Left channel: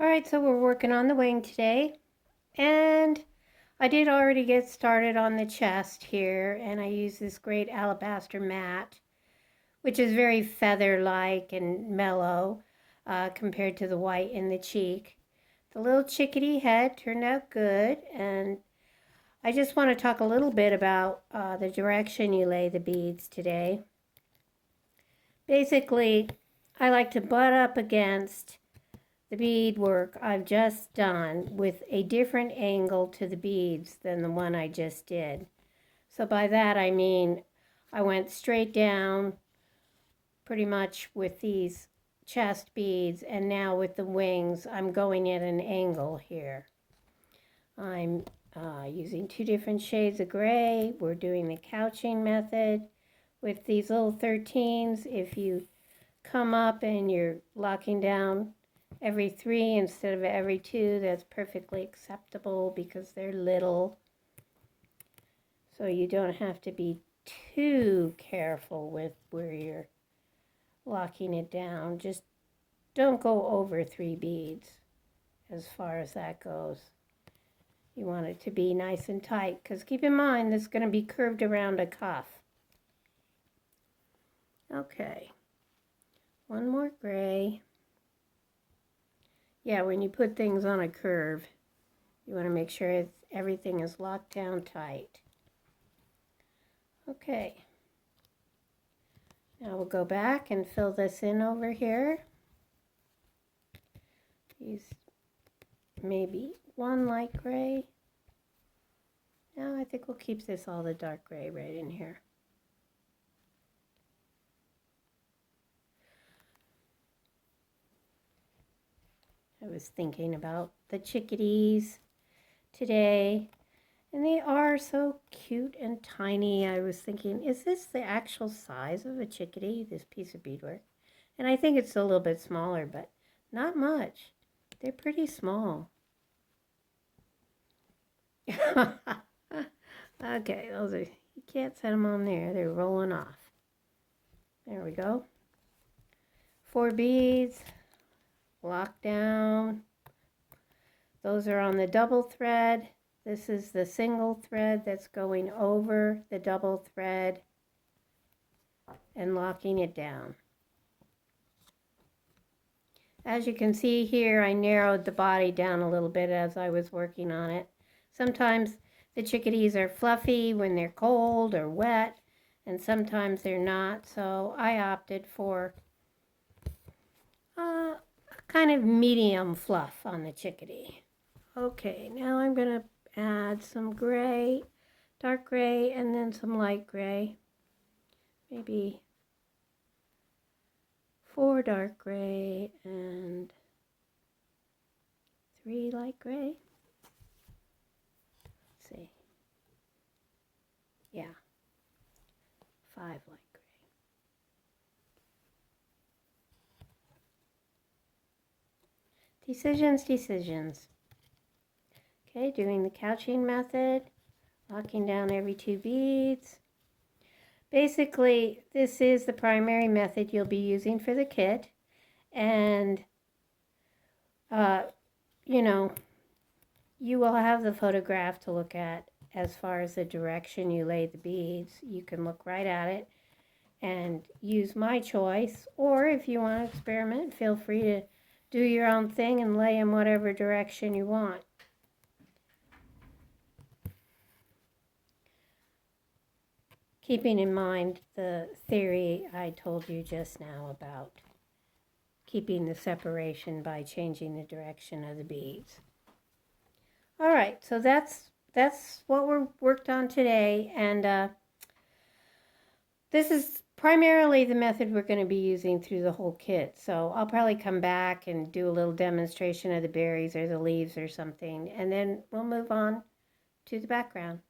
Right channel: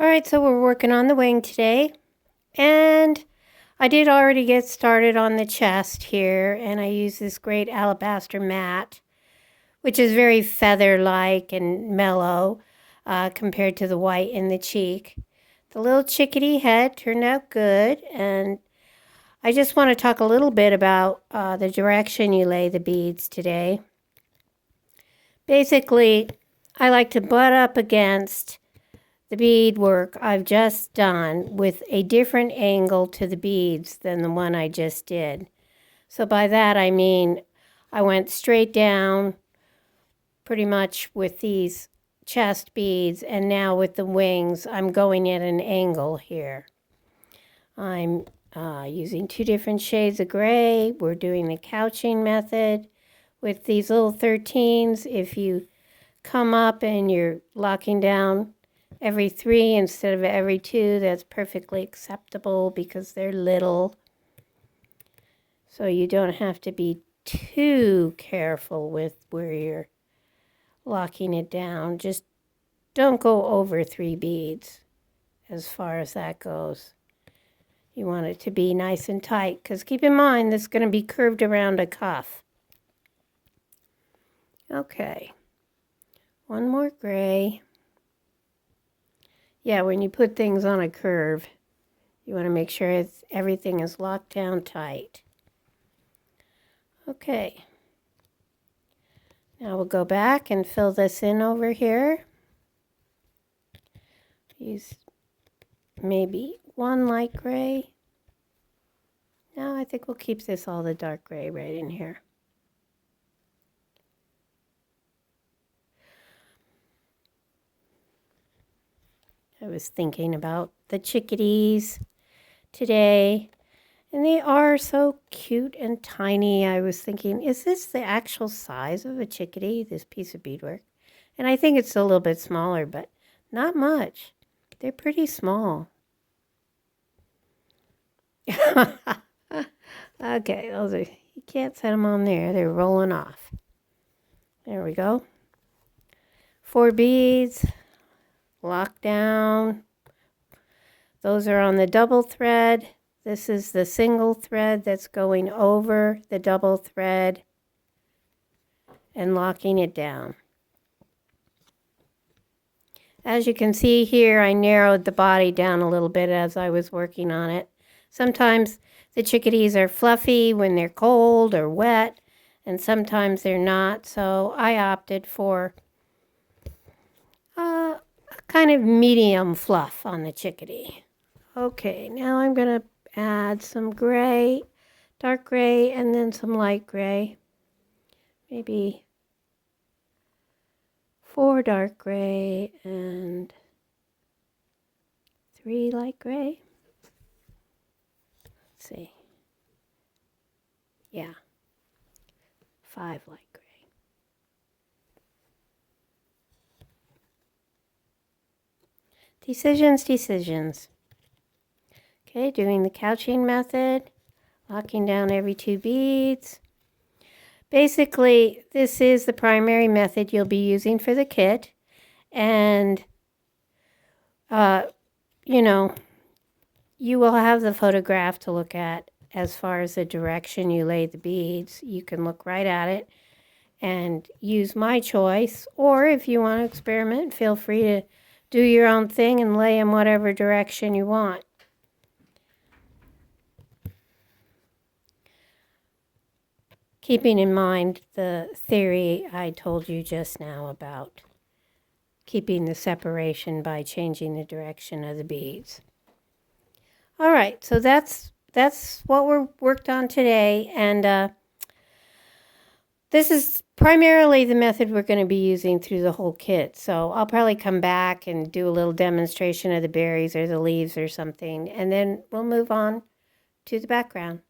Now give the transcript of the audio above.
All right, so we're working on the wing today, and I did already get started on the chest here, and I use this great alabaster mat, which is very feather-like and mellow compared to the white in the cheek. The little chickadee head turned out good, and I just want to talk a little bit about the direction you lay the beads today. Basically, I like to butt up against the bead work I've just done with a different angle to the beads than the one I just did. So by that I mean I went straight down pretty much with these chest beads, and now with the wings I'm going at an angle here. I'm using two different shades of gray. We're doing the couching method with these little 13s. If you come up and you're locking down every 3 instead of every 2, that's perfectly acceptable because they're little. So you don't have to be too careful with where you're locking it down. Just don't go over 3 beads as far as that goes. You want it to be nice and tight, because keep in mind this is going to be curved around a cuff. Okay, one more gray. Yeah, when you put things on a curve, you want to make sure everything is locked down tight. Okay. Now we'll go back and fill this in over here. Use maybe one light gray. No, I think we'll keep this all the dark gray right in here. I was thinking about the chickadees today, and they are so cute and tiny. I was thinking, is this the actual size of a chickadee, this piece of beadwork? And I think it's a little bit smaller, but not much. They're pretty small. Okay, those are, you can't set them on there. They're rolling off. There we go. 4 beads. Lock down. Those are on the double thread. This is the single thread that's going over the double thread and locking it down. As you can see here, I narrowed the body down a little bit as I was working on it. Sometimes the chickadees are fluffy when they're cold or wet, and sometimes they're not, so I opted for kind of medium fluff on the chickadee. Okay, now I'm going to add some gray, dark gray, and then some light gray. Maybe 4 dark gray and 3 light gray. Let's see. Yeah, 5 light gray. Decisions. Okay, doing the couching method, locking down every 2 beads. Basically, this is the primary method you'll be using for the kit, and you know, you will have the photograph to look at as far as the direction you lay the beads. You can look right at it and use my choice, or if you want to experiment, feel free to do your own thing and lay in whatever direction you want. Keeping in mind the theory I told you just now about keeping the separation by changing the direction of the beads. All right, so that's what we're worked on today, and this is primarily the method we're going to be using through the whole kit. So I'll probably come back and do a little demonstration of the berries or the leaves or something, and then we'll move on to the background.